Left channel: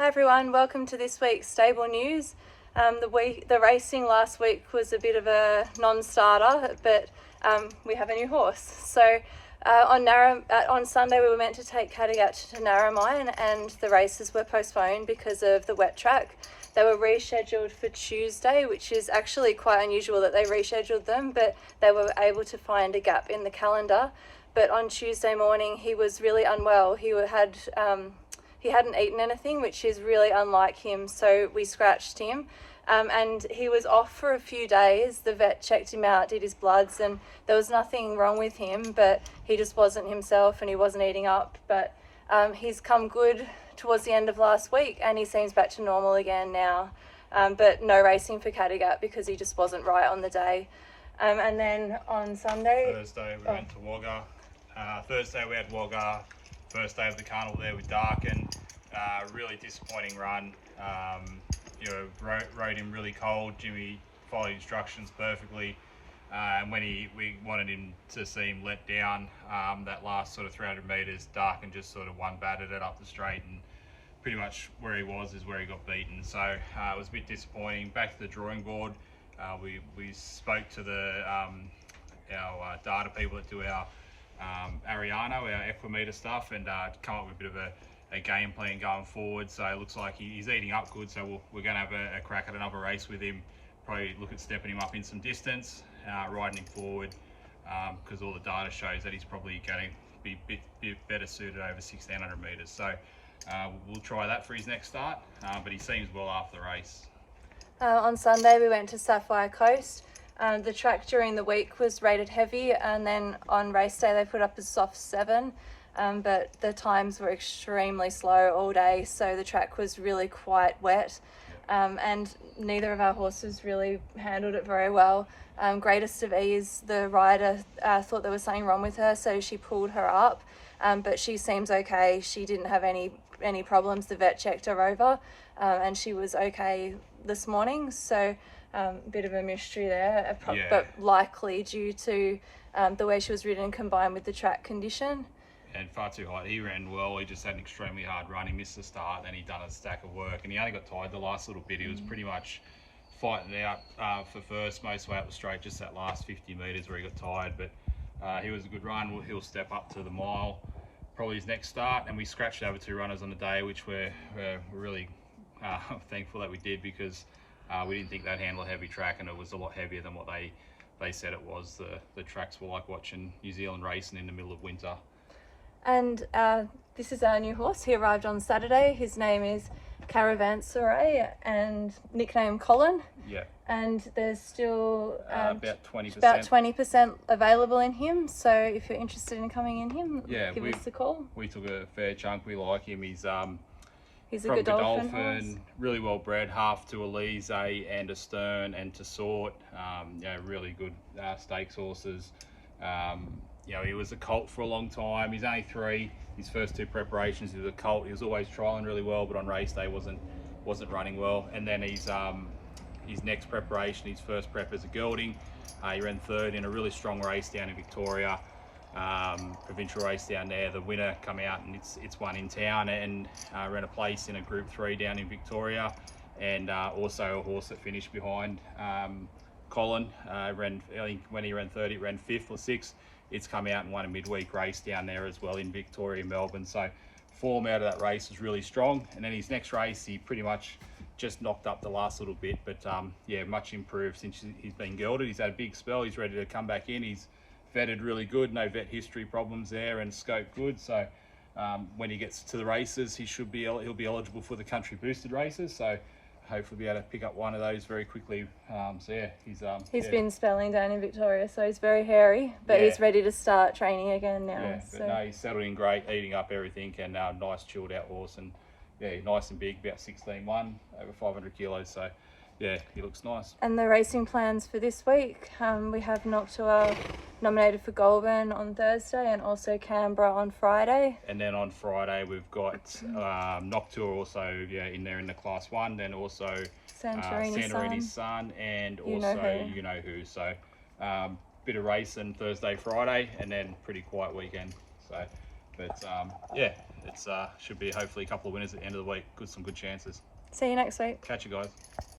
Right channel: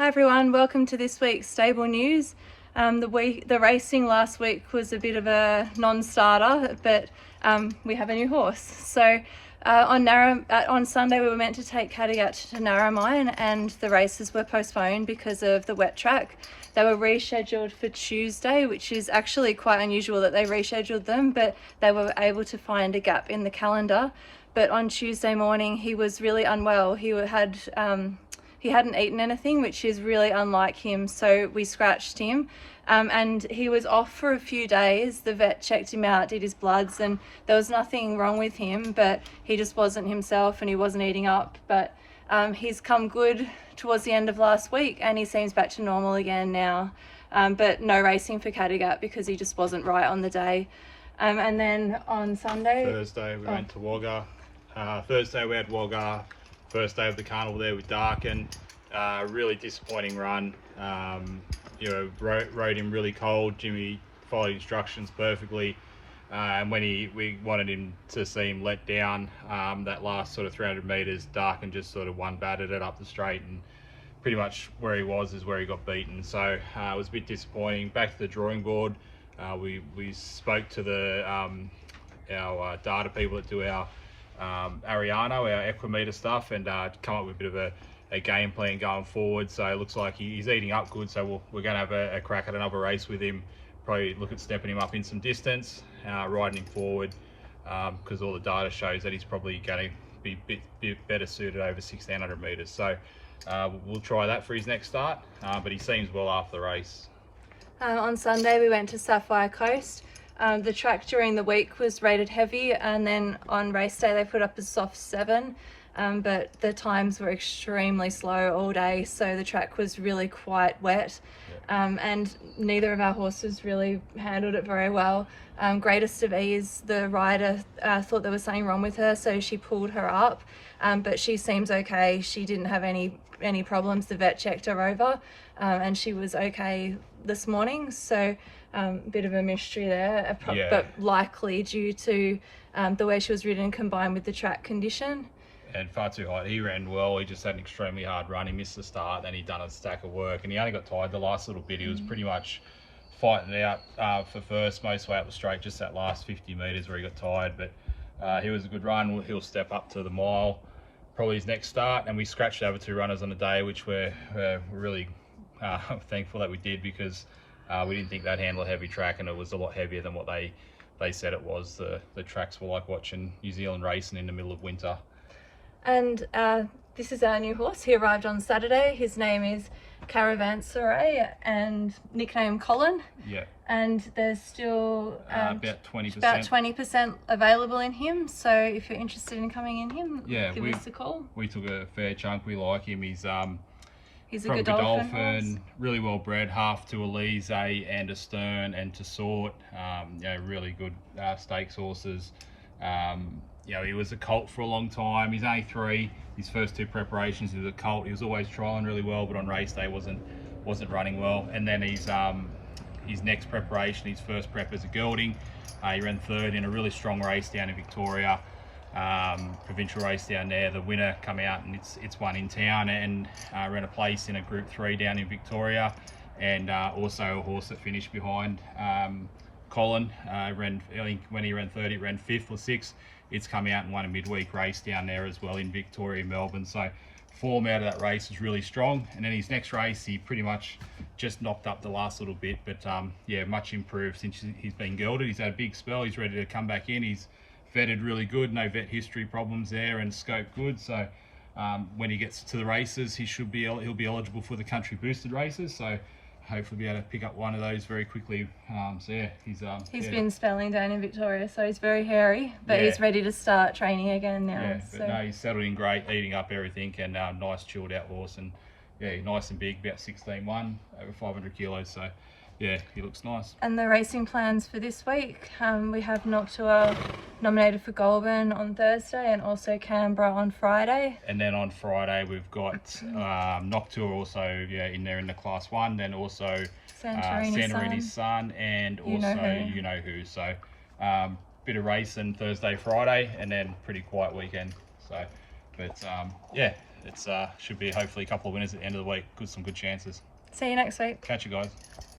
Hi everyone, welcome to this week's stable news. The racing last week was a bit of a non-starter, but we have a new horse. So on Sunday we were meant to take Kattegat to Narromine, and the races were postponed because of the wet track. They were rescheduled for Tuesday, which is actually quite unusual that they rescheduled them, but they were able to find a gap in the calendar. But on Tuesday morning he was really unwell. He hadn't eaten anything, which is really unlike him, so we scratched him. And he was off for a few days. The vet checked him out, did his bloods, and there was nothing wrong with him, but he just wasn't himself and he wasn't eating up. But he's come good towards the end of last week and he seems back to normal again now. But no racing for Kattegat because he just wasn't right on the day. And then on Thursday we went to Wagga. Thursday we had Wagga. First day of the carnival there with Darkin. Really disappointing run. Rode him really cold. Jimmy followed instructions perfectly. And when we wanted him to see him let down, that last sort of 300 metres, Darkin just sort of one-batted it up the straight, and pretty much where he was is where he got beaten. So it was a bit disappointing. Back to the drawing board. We spoke to our data people that do our Ariano, our equimeter stuff, and come up with a bit of a game plan going forward. So it looks like he's eating up good, so we're going to have a crack at another race with him. Probably look at stepping him up in some distance, riding him forward, because all the data shows that he's probably going to be a bit better suited over 1600 metres. So we'll try that for his next start, but he seems well after the race. On Sunday we went to Sapphire Coast. The track during the week was rated heavy, and then on race day they put up a soft 7, but the times were extremely slow all day, so the track was really quite wet. And neither of our horses really handled it very well. Greatest of Ease, the rider thought there was something wrong with her, so she pulled her up, but she seems okay. She didn't have any problems. The vet checked her over, and she was okay this morning, so bit of a mystery there, but likely due to the way she was ridden combined with the track condition. And far too high. He ran well. He just had an extremely hard run. He missed the start, then he done a stack of work, and he only got tired the last little bit. He was pretty much fighting it out for first most way up the straight, just that last 50 metres where he got tired. But he was a good run. He'll step up to the mile, probably his next start. And we scratched over 2 runners on the day, which we're really thankful that we did, because we didn't think they'd handle a heavy track, and it was a lot heavier than what they said it was. The tracks were like watching New Zealand racing in the middle of winter. And this is our new horse. He arrived on Saturday. His name is Caravanserai and nickname Colin. Yeah. And there's still about 20%. About 20% available in him. So if you're interested in coming in him, give us a call. We took a fair chunk. We like him. He's a Godolphin, really well bred, half to Elise and a Stern and to Sort. Really good stakes horses. He was a colt for a long time. He's only 3. His first 2 preparations, he was a colt. He was always trialling really well, but on race day wasn't running well. And then his next preparation, his first prep as a gelding, he ran 3rd in a really strong race down in Victoria, provincial race down there. The winner come out, and it's one in town, and ran a place in a Group 3 down in Victoria, and also a horse that finished behind Colin. I think when he ran 3rd, he ran 5th or 6th. It's come out and won a midweek race down there as well in Victoria, Melbourne. So form out of that race was really strong. And then his next race, he pretty much just knocked up the last little bit. But much improved since he's been gelded. He's had a big spell. He's ready to come back in. He's vetted really good. No vet history problems there, and scope good. So when he gets to the races, he'll be eligible for the country boosted races. So hopefully be able to pick up one of those very quickly. He's been spelling down in Victoria, so he's very hairy, but he's ready to start training again now. He's settled in great, eating up everything, and nice chilled out horse, and nice and big, about 16'1", over 500 kilos. So he looks nice. And the racing plans for this week, we have Noctua nominated for Goulburn on Thursday, and also Canberra on Friday. And then on Friday we've got Noctua also in there in the Class 1, then also Santorini's Son, and also You Know Who. So bit of racing Thursday, Friday, and then pretty quiet weekend. So, but it's should be hopefully a couple of winners at the end of the week. Some good chances. See you next week. Catch you guys.